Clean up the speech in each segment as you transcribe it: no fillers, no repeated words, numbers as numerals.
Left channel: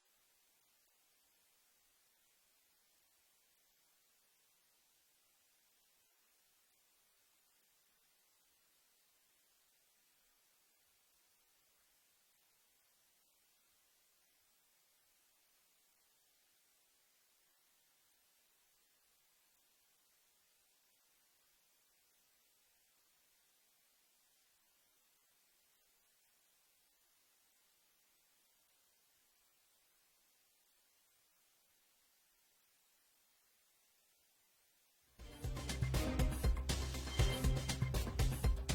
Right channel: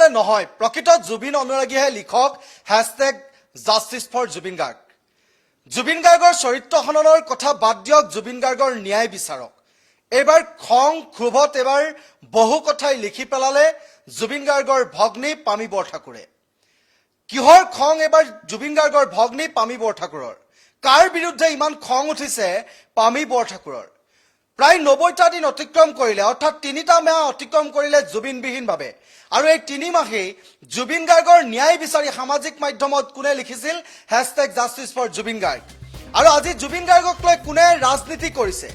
পেলালে নহয় প্ৰকৃত জুবিন অনুৰাগীহে লিখক #জাষ্টিছ ফৰ জুবিন গাৰ্গ জুবিন গাৰ্গৰ চৰিত্ৰ হননৰ কথা বাদ দিয়ক জুবিন গাৰ্গৰ ন্যায় বিচাৰক এবাৰ খং ক্ষোভত এবাৰ বহু কথাই লিখি পেলালে জুবিন গাৰ্গৰ ভগ্নী পামী বৰঠাকুৰে কিহৰ খং এবাৰ জুবিন গাৰ্গৰ ভগ্নী পামী বৰঠাকুৰৰ কাৰ বিৰুদ্ধে ইমান খং উঠিছে পামী বৰঠাকুৰৰ প্ৰায় 90টা দিন অতিক্ৰম কৰিলে অৰ্থাৎ 3টা মাহ অতিক্ৰম কৰিলে জুবিনবিহীনভাৱে আৰু এই 3 মাহেই জুবিন গাৰ্গৰ ন্যায় বিচাৰি সামাজিক মাধ্যমত কোনে লিখিছিল #জাষ্টিছ ফৰ জুবিন গাৰ্গ আৰু আজি জুবিন গাৰ্গক লৈ কোনে ৰাজনীতি কৰিছে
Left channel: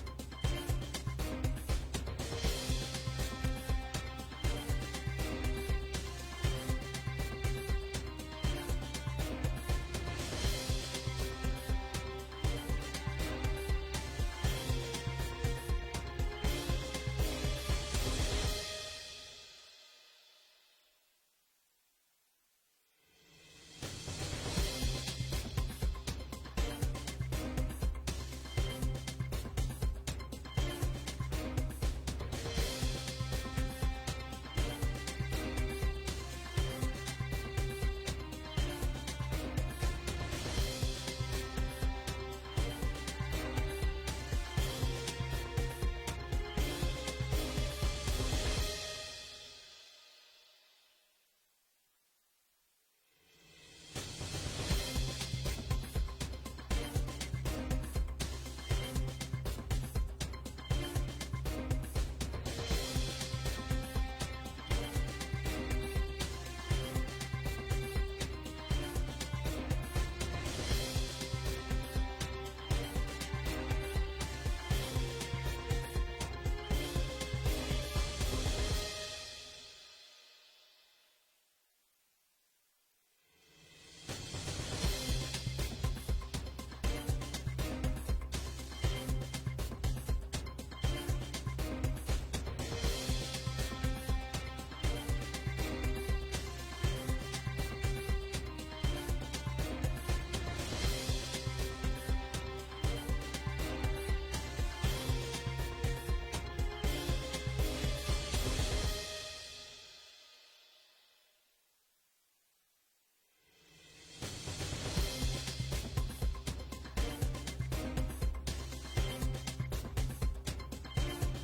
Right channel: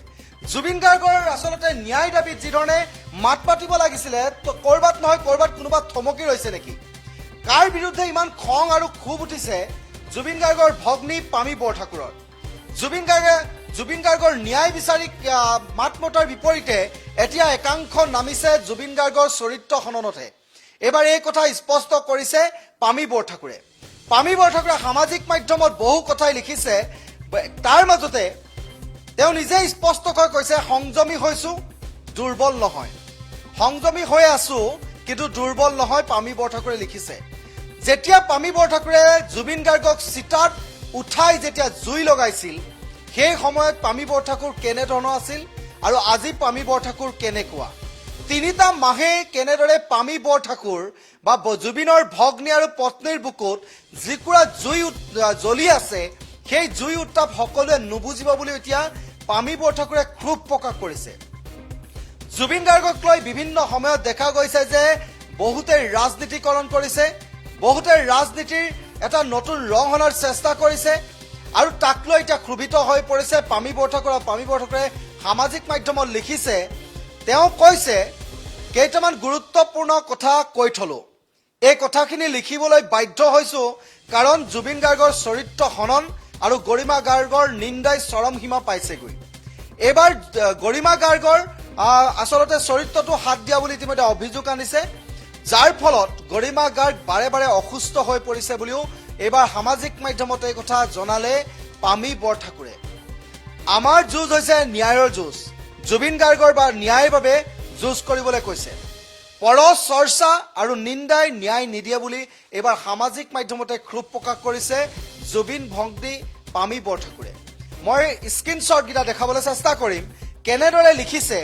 জুবিন গাৰ্গৰ আসলতে ন্যায় দাবীত যিধৰণে মাত পাতিব লাগিছিলে কৰবাত নহয় কৰবাত কোনোবা থমকি ৰৈছে নেকি কাৰ বিৰুদ্ধে ইমান খং আৰু ক্ষোভ উঠিছে জুবিন গাৰ্গৰ ভগ্নী পামী বৰঠাকুৰৰ জুবিন গাৰ্গৰ ন্যায় বিচাৰি মাত মতাৰ বিপৰীতে এতিয়া একাংশ নামিছে জুবিন গাৰ্গৰ চৰিত্ৰ হননতহে এবাৰ এই কথা স্পষ্ট কৰিছে পামী বৰঠাকুৰে সামাজিক মাধ্যমত বহু কথাই লিখিছে তাৰ মাজতে তেওঁ নিজে স্পষ্টকৈ কৈছে সংযমী হৈছো দুৰ্বল নহয় সংযমী হৈ আছো কিন্তু দুৰ্বল নহয় পামী বৰঠাকুৰে লিখিছে যেতিয়া পামী বৰঠাকুৰে জুবিন গাৰ্গক চিতাত উঠাই যেতিয়া জুই লগাইছিল সেই সময়ত পামী বৰঠাকুৰ কেনেধৰণৰ আছিল আৰু আজি পামী বৰঠাকুৰ কেনেকুৱা 3টা মাহে কেনেদৰে পামী বৰঠাকুৰ বা জুবিনৰ ভগ্নী আৰু পত্নীৰ বুকুত যিকুৰা জুই জ্বলি আছে সেই জুই উত্তাপ সকলোৱে নুবুজিব বুলি এতিয়া পামী বৰঠাকুৰে ক্ষোভ প্ৰকাশ কৰিছে জুবিন গাৰ্গক লৈ বিভিন্ন সময়ত দেখা গৈছে যে বহুতে ৰাজনীতিকৰণ কৰিছে বহুতে ৰাজনীতিৰ এটা নতুন ৰং অনাৰ চেষ্টা কৰিছে আৰু তাক লৈ এতিয়া ক্ষোভিত হৈ পৰিছে পামী বৰঠাকুৰে সামাজিক মাধ্যমত লিখিছে তেওঁ কৈছে কেইটামান গুৰুত্বপূৰ্ণ কথা কৈ থলো এই কথাখিনি লিখিবলৈ বাধ্য হৈছো কাৰণ জুবিন গাৰ্গৰ চৰিত্ৰ হনন আৰু গৰিমা গাৰ্গৰ নিন্দাই চৰম সীমা পাইছেগৈ এবাৰ গৰিমা গাৰ্গৰ আসলতে চৰিত্ৰটো হাত দিয়া বুলি ইতিমধ্যে অভিযোগ আনিছে যাৰ ফলত গৰিমা গাৰ্গ বাৰে বাৰে অসুস্থ হৈ পৰিছে বুলিও এবাৰ সামাজিক মাধ্যমত এই কথা জনালে পামী বৰঠাকুৰে আমাৰ যুঁজ হৈছে ন্যায়ৰ যুঁজ জুবিন গাৰ্গৰ বা ন্যায়ৰ বাবে যুঁজ কৰিবলৈ কৈছে পৰ চৰ্চা আৰু নিন্দাই ন্যায় নিদিয়ে বুলি এবাৰ সামাজিক মাধ্যমতে ক্ষোভ প্ৰকাশ কৰিছে জুবিন ভগ্নী পামী বৰঠাকুৰে মই স্ক্ৰীনশ্বটকেইটা দেখাবলৈ চেষ্টা কৰিম কেনেদৰে লিখিছে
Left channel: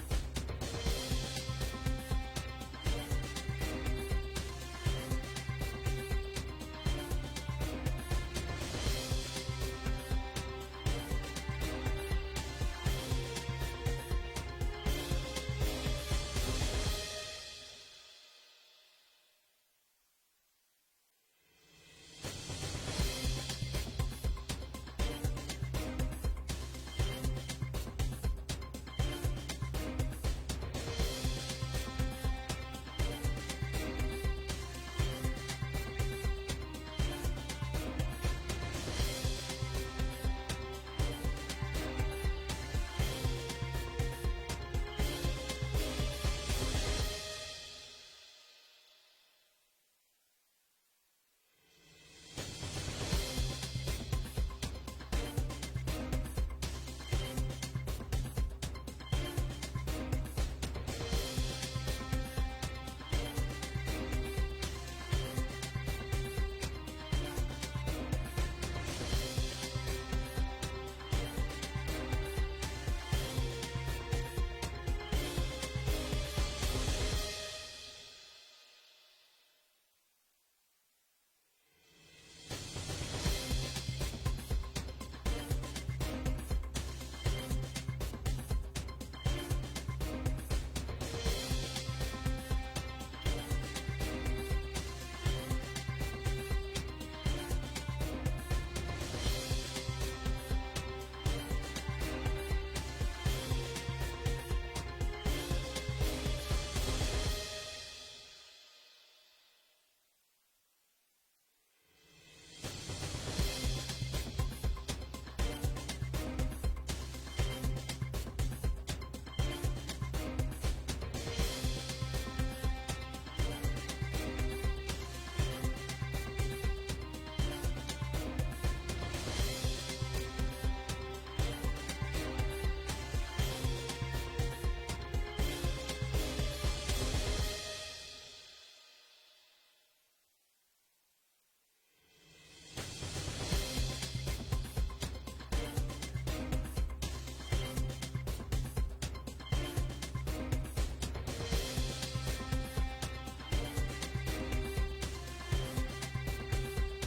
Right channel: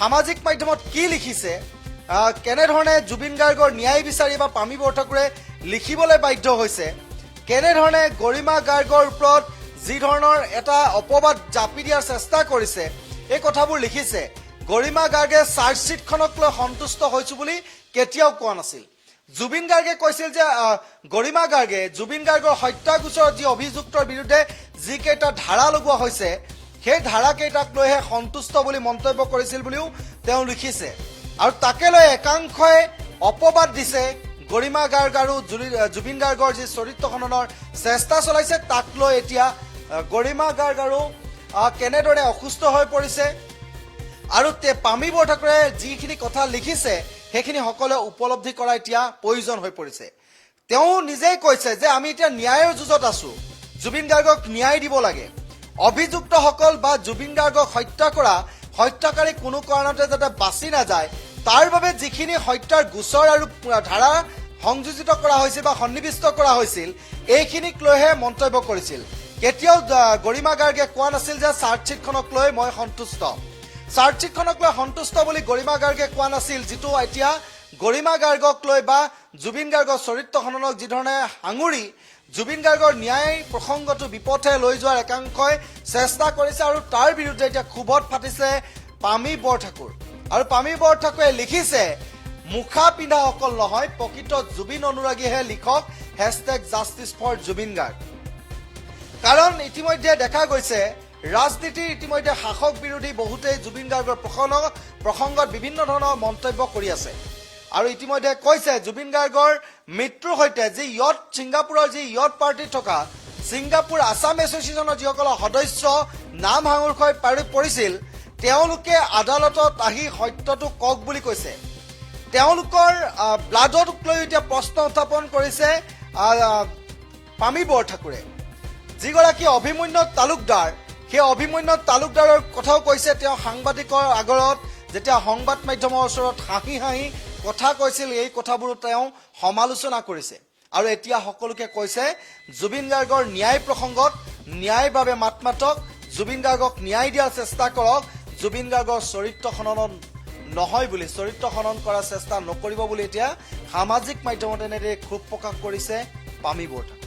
সামাজিক মাধ্যমত কি লিখিছে কেনেধৰণে জুবিন গাৰ্গৰ ন্যায় বিচাৰি বা পামী বৰঠাকুৰে লিখিবলৈ বাধ্য হৈছে কেনেধৰণে গৰিমা গাৰ্গৰ ওপৰত যি ধৰণৰ এটা অপবাদ জাপি দিয়াৰ চেষ্টা কৰিছে এই কথাবোৰ লিখিছে গৰিমা গাৰ্গে চাৰ্জশ্বিটখনক লৈ সন্তুষ্ট হৈছো বুলি কেতিয়াও কোৱা নাছিল জুবিন গাৰ্গে কৈছিল যে গৰিমা গাৰ্গে জুবিন গাৰ্গৰ হত্যা গোচৰত যি অভিযুক্তৰ বিৰুদ্ধে যিকেইটা ধাৰা লগোৱা হৈছে সেই ধাৰাকেইটাক লৈহে সন্তুষ্ট বুলি মন্তব্য কৰিছিল বুলিও তেওঁ লিখিছে আৰু তাকে লৈ একাংশই অপবাদ দিছে গৰিমা গাৰ্গ আৰু জুবিন গাৰ্গৰ যি চৰিত্ৰ হননৰ চেষ্টা চলাইছে তাক লৈ এতিয়া গৰিমা গাৰ্গ আৰু কেনেদৰে অসুস্থ হৈ পৰিছে আৰু পামী বৰঠাকুৰে যিখিনি কথা লিখিছে সেইখিনি সকলোৱে উপলব্ধি কৰা এতিয়া প্ৰয়োজন হৈ পৰিছে তেওঁ নিজেই কৈছে যে আমি এতিয়া ন্যায়ৰ যুঁজত আছো জুবিন গাৰ্গক ন্যায় দিব লাগে অভিযুক্তসকল বা জুবিন গাৰ্গক হত্যা কৰা হত্যাকাৰী কোনো কাৰণতে যাতে বাচি নাযায় তাৰ বাবে যিখিনি হত্যাৰ গোচৰ আৰু ধাৰা সংযোজিত কৰা হৈছিল বা সন্নিৱিষ্ট কৰা হৈছিল এইখিনিক লৈহে মন্তব্য কৰিছিল কেতিয়াও গৰিমা গাৰ্গে কোৱা নাছিল যে চাৰ্জশ্বিটখনক লৈ মই সন্তুষ্ট চাৰ্জশ্বিটখনক লৈ সন্তুষ্ট বুলি গৰিমা গাৰ্গে কোৱা নাছিল যিটো এতিয়া গৰিমা গাৰ্গক লৈ বা জুবিন গাৰ্গৰ চৰিত্ৰ হননক যিধৰণে সাঙুৰি জুবিন গাৰ্গৰ ন্যায় প্ৰসংগটো বিপথে লৈ যোৱাৰ একাংশই চেষ্টা কৰিছে আৰু তাৰ বিৰুদ্ধে এতিয়া ক্ষোভত ফাটিছে পামী বৰঠাকুৰ আৰু পামী বৰঠাকুৰে লিখিছে মুখা পিন্ধা অকল নহয় প্ৰকৃত জুবিন অনুৰাগীহে লিখক #জাষ্টিছ ফৰ জুবিন গাৰ্গ কাৰণ ইতিমধ্যে দেখা গৈছে ৰাজনীতিৰ ইতিমধ্যে শাসক বিৰোধী বহুতেই জুবিন গাৰ্গৰ প্ৰসংগত বিভিন্ন ধৰণৰ মন্তব্য কৰি আছে আৰু ইতিমধ্যে কৈছে জুবিন গাৰ্গৰ মৃত্যুৰ সৈতে যি ছিংগাপুৰৰ যি পাৰ্টিত থকা ছিংগাপুৰ আছাম এছ'চিয়েশ্যনৰ যিসকলৰ সদস্য নাম সাঙুৰ হৈ পৰিছিল তেওঁলোকে আদালতত আহি সত্যটো কওক বুলি কৈছে তেওঁলোকৰ ব্লাডক লৈ এতিয়া প্ৰশ্ন উত্থাপন কৰিছে পামী বৰঠাকুৰে যিগৰাকী অভিমন্যু তালুকদাৰ সেই অভিমন্যু তালুকদাৰৰ কথাও কৈছে তেওঁ সাংবাদিকৰ আগৰত যেতিয়া সংবাদ মাধ্যমৰ ওচৰত হাঁহি কথা কৈছিল এই কথাবোৰো তেওঁ সমালোচনা কৰিছে আৰু এতিয়া সকলোকে কৈছে জুবিন গাৰ্গৰ ন্যায় প্ৰসংগত ন্যায়ৰ বাবে মাত মাতক, জুবিন গাৰ্গক ন্যায় দিয়াৰ চেষ্টা কৰক, জুবিন গাৰ্গৰ চৰিত্ৰ খনন নহয় বুলি, চৰিত্ৰ খনন কৰাৰ চেষ্টা নকৰিব বুলি এতিয়া সামাজিক মাধ্যমত এনেদৰে ক্ষোভ প্ৰকাশ কৰিছে পামী বৰ্তা।